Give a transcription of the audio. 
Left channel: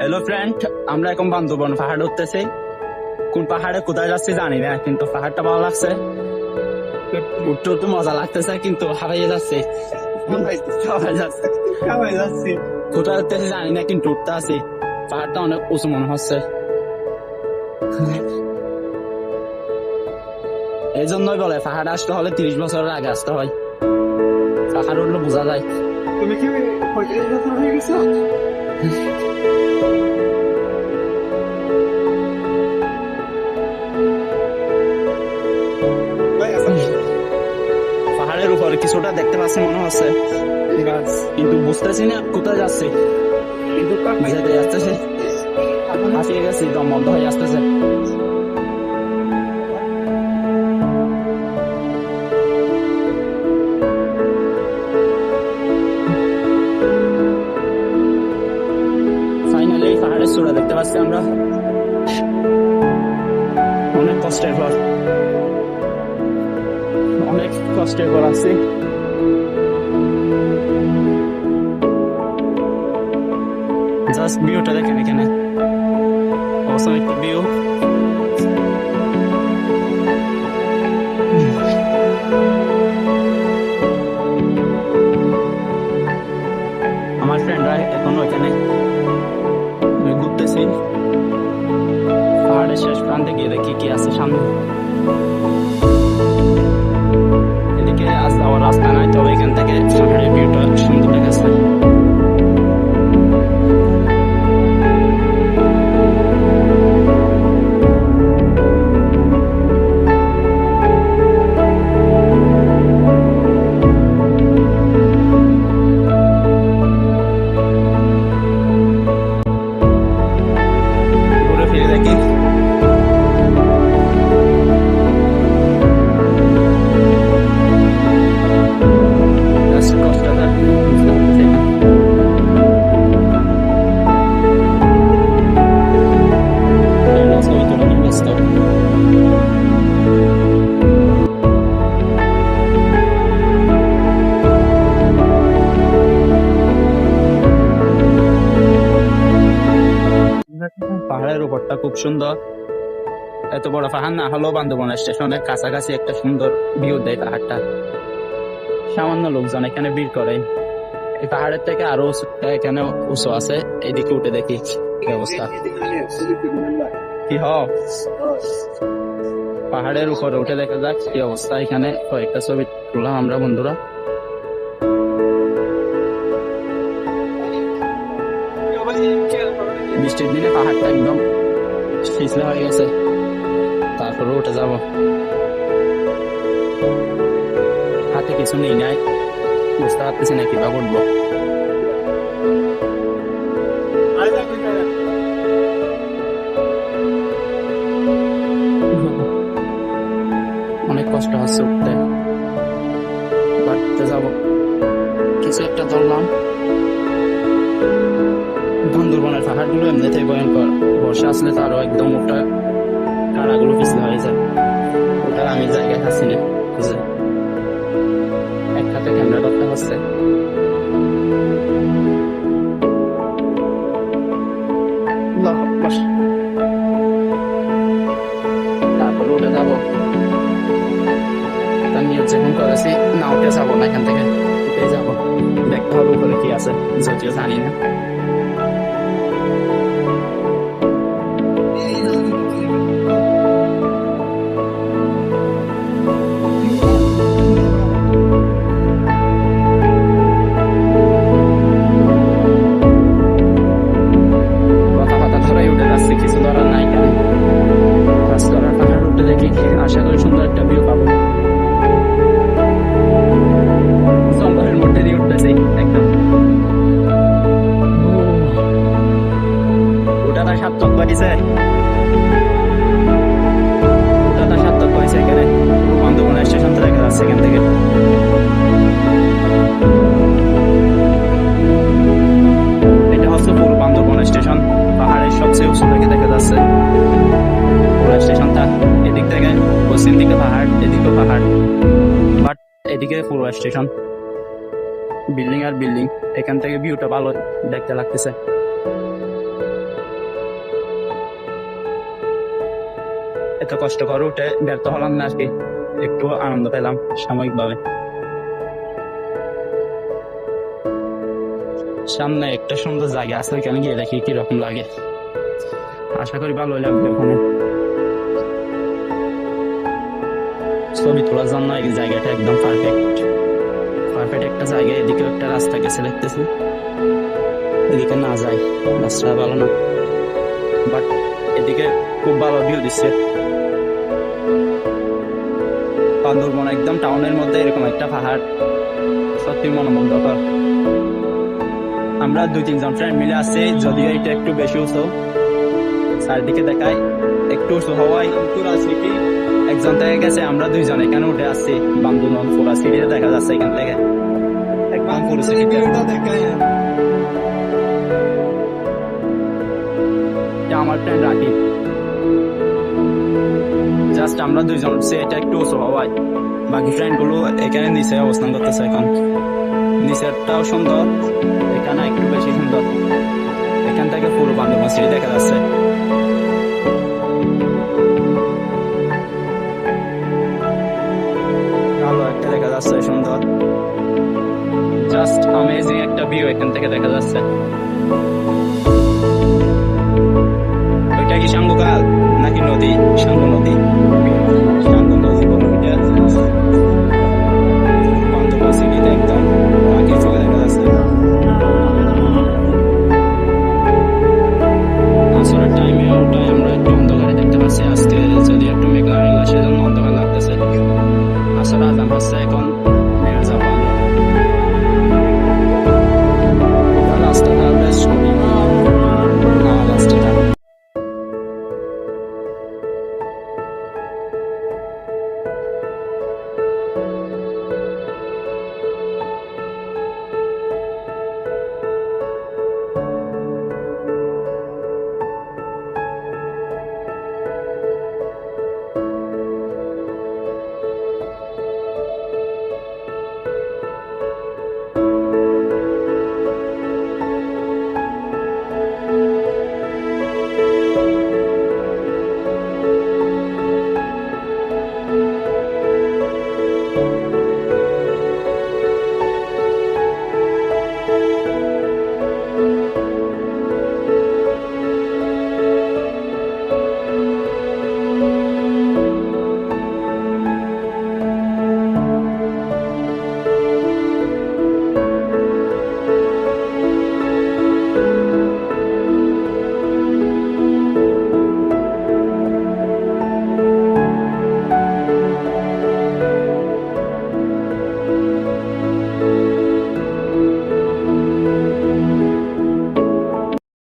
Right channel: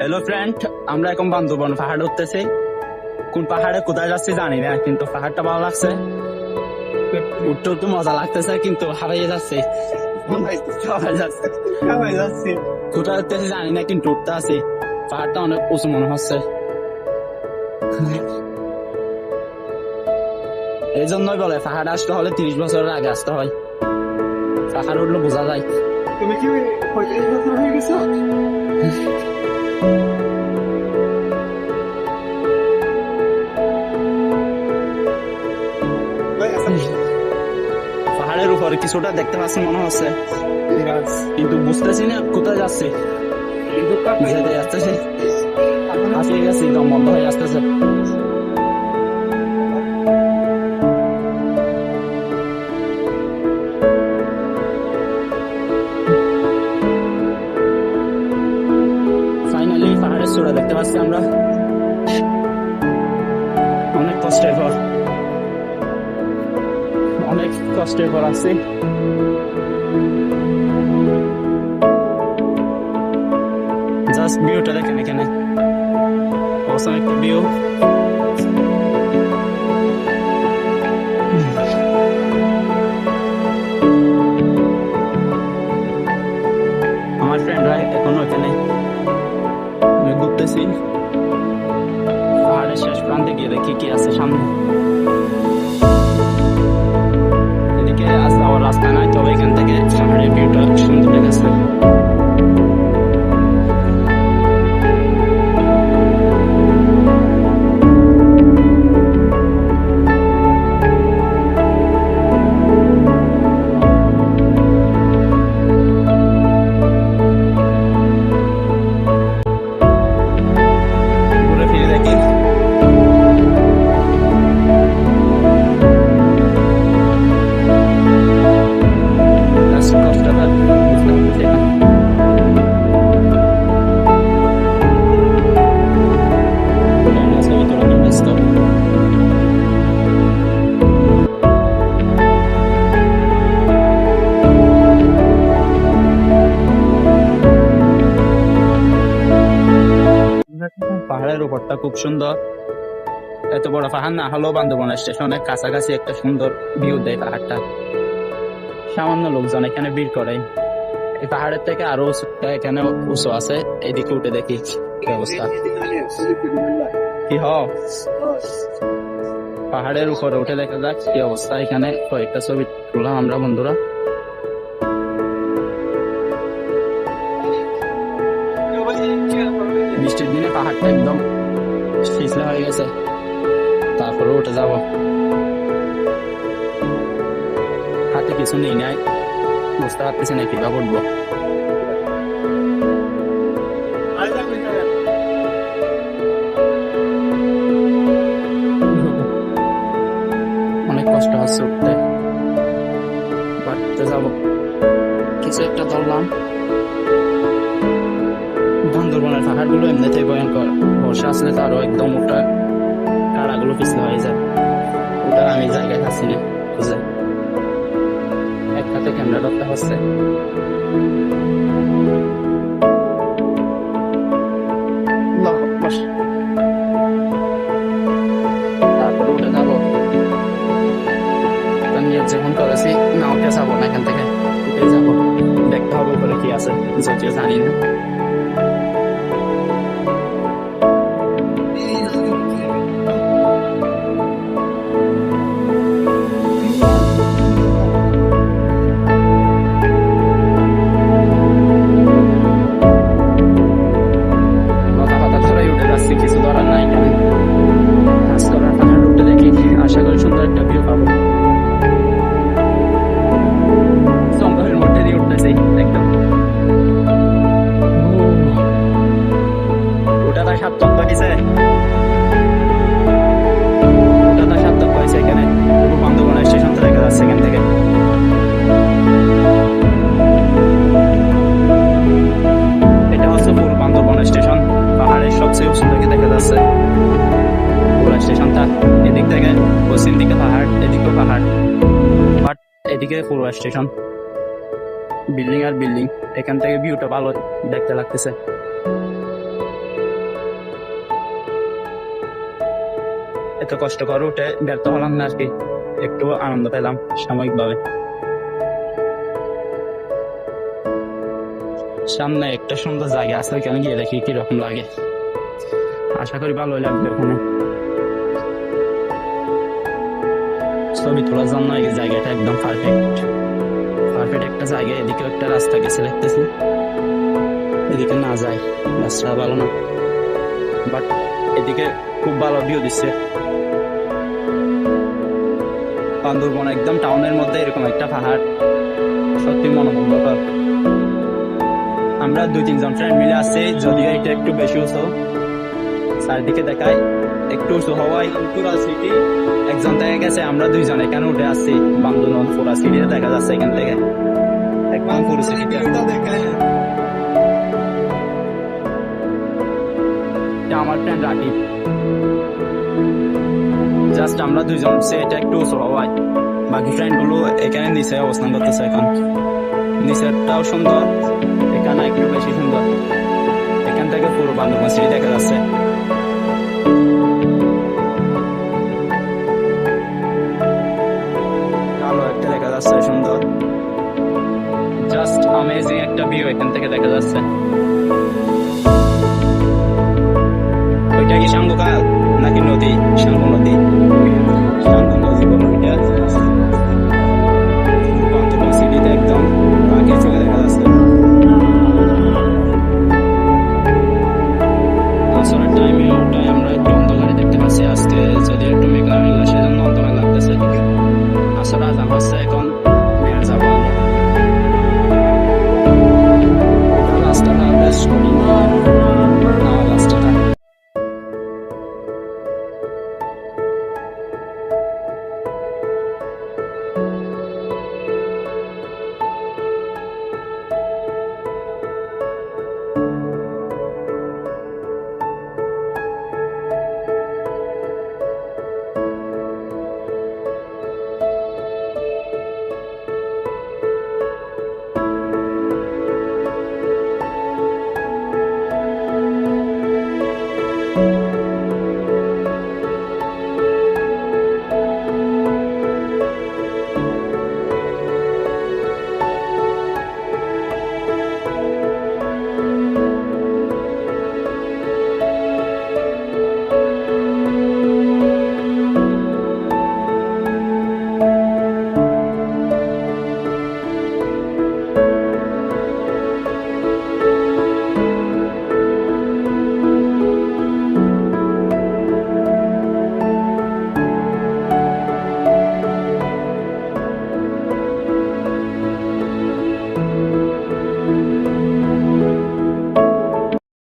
Hello friend, আমরা এখন বান্দরবন পাহাড়ে উঠতেছি। কোন পাহাড়ে কোথায় যাচ্ছি জানি না, কিন্তু পাহাড়টা ভালো লাগছে। উঠতে উঠতে মজা লাগতেছে, কিন্তু হারাইয়ে যাচ্ছে। কোথায় উঠতেছি জানি না, কিন্তু উঠতে আছি। পাহাড়টা অনেক উঁচু মনে হচ্ছে। এই জন্যই বলে পাহাড়ে আসতে হলে 30 বছরের আগে আসতে হয়। পাহাড়ে উঠলে বোঝা যায়। তুমি কি 35 বছর হয়ে গেছো? পাহাড়ের উপরে কিছুটা দেখতে পাচ্ছি মনে হচ্ছে, কিন্তু বুঝতেছি না কোথায় যাচ্ছি। যেতে যাচ্ছে, হাঁপিয়ে গেছি, দম বন্ধ হয়ে আসতেছে। ফাইনালি পাহাড়ের চূড়া দেখতে পাচ্ছি আমরা। অনেক কষ্টের পর আছি। জাস্ট ভিউটা দেখেন, এখানে অসম একটা ভিউ। আমার ফ্রেন্ডরা এখনো এখানে ঘুরতেছি। পাহাড়ের শেষ প্রান্তে গিয়ে দেখি কি আছে সামনে। এদিকে আজ যাওয়ার রাস্তা নাই, তবে এখান থেকে পাহাড়ের ভিউটা সুন্দর দেখাচ্ছে। ঘুরে ফিরে দেখি। কষ্টটা বুঝতে পারতেছি না। ছবি তোলা নিয়ে ব্যস্ত। পাহাড়ের উপরটা খুব সুন্দর। এত বড় পাহাড় না হলেও বান্দরবন স্টেশনের কাছাকাছি একটা সুন্দর ভিউ দেয় পাহাড়টা। সামান্য লোকজন এখানে ভিড় করে। এই পাহাড়ের থেকে আরো এখানে উঁচু আছে, এইদিকে উঠে দেখি কি অবস্থা। কি পাহাড়ের উপরে উঠে দেখা যাক কি অবস্থা। এখানে কয়েকটা ছবি তুললাম আমরা বন্ধুরা। বৃষ্টির দিনে পাহাড়টা একদম পিছলে হয়ে গেছে, তারপরে উঠে যাব। হাতে কিছু নেই নাই, বুঝতে পারতেছি না কিভাবে উঠবো। অনেক কষ্ট হচ্ছে উঠতে, বাড়তে যাব। কিছু একটা ধরলাম। বান্দরবনের পাহাড় গুলো এমনিতেই ভয়ঙ্কর, বর্ষা আসলে তো আরো একদম ওটা কাড়াগুলো পিছলে হয়ে যায়। ওটার আমি জায়গায় খাচ্ছি না খুঁজে। এক হাতে ক্যামেরা ধরতে হচ্ছে। তারপরে উঠে যাবো। নিয়োগ যখন করেছি না, উঠে যাবো না, এখান থেকে উঠে যাবো। দেখতে হবে উপরে কি আছে, যদিও জানি না। কিছু ধরার নাই, এখানে কাজ করার পাহাড় উঠে দেখি, আশা করি সুন্দর একটা ভিউ পাবো। জঙ্গলের মধ্যে দিয়ে উঠতেছি একদম। ওটা তার সার্থক হয়েছে, এখানে পুরো বান্দরবন স্টেশনটা দেখা যাচ্ছে এখান থেকে। এটা হচ্ছে পুরো বান্দরবন স্টেশন, পাহাড়ের সবচেয়ে উঁচু থেকে দেখা যাচ্ছে পুরো স্টেশনটা। এদিক থেকে পশ্চিম দিকে পাহাড়, এদিকেও পাহাড়, বাট এদিকে পুরো স্টেশন, বিল্ডিং আর বিল্ডিং। এখান থেকে ভিউটা ভালো দেখতে লাগতেছে। এত কষ্ট করে উঠে ব্যর্থ হলাম না আর কি, একটু আনন্দ পেলাম সাময়িকভাবে। সামনে একটা সুন্দর জায়গা আছে, ওইখানে গিয়ে দেখি কিরকম লাগে। আশা করি ভালোই লাগবে ওখানে। ছবি তোলার জন্য এই জায়গাটা একদম পারফেক্ট একটা জায়গা। এদিকে একটা রাস্তা গেছে দেখতেছি, এদিকে না যায়, রাস্তা ভালো না, বাট এদিকে খুব ভালো ভিউ দিচ্ছে। বান্দরবন একদম টাউনের মধ্যে এরকম একটা পাহাড় সত্যি মনোমুগ্ধকর। আমরা 2-3 জন ফ্রেন্ড মিলে আসছি, যদিও এটা একটু বেশি উঁচু, চারদিকে দেখায় একটু উঁচু হওয়ায় পুরা সিটি একজন থেকে গেছে, আমরা 2 জন এখানে উঠে আসছি। বান্দরবন পুরা সিটিতে দেখা যাচ্ছে এখান থেকে একদম পুরো সিটিটা। আমার ফ্রেন্ড রাকিব, জাস্ট আমরা 2 জন উঠছি, এটা একটু উঁচু হওয়ায়। বাকি ফ্রেন্ড গুলো এখানে নিচে অবস্থান করতেছে। এখন নিচেরটাও সুন্দর, এখানে একটু বেশি সুন্দর। এখান থেকে পুরো বান্দরবান সিটি দেখা যাচ্ছে। ভালো একটা দেখা যাচ্ছে, সুন্দর, জাস্ট অ্যামেজিং একটা ভিউ এখান থেকে দেখা যাচ্ছে। ওইটা কি সাঙ্গু খাল নাকি নদী? সাঙ্গু নদী বলো এটা। বান্দরবান সিটিতে একদম পাখির চোখে দেখা যাচ্ছে। আসরের টাইমে ওটাই আমরা একটু অন্ধকারে দেখতে পাচ্ছি আজকে, যদি একটু মেঘলা সেজন্য অন্ধকার লাগতেছে। আসর আজান হচ্ছে, এখন নেমে যাবো আমরা। রাস্তাটা বেশ কঠিন।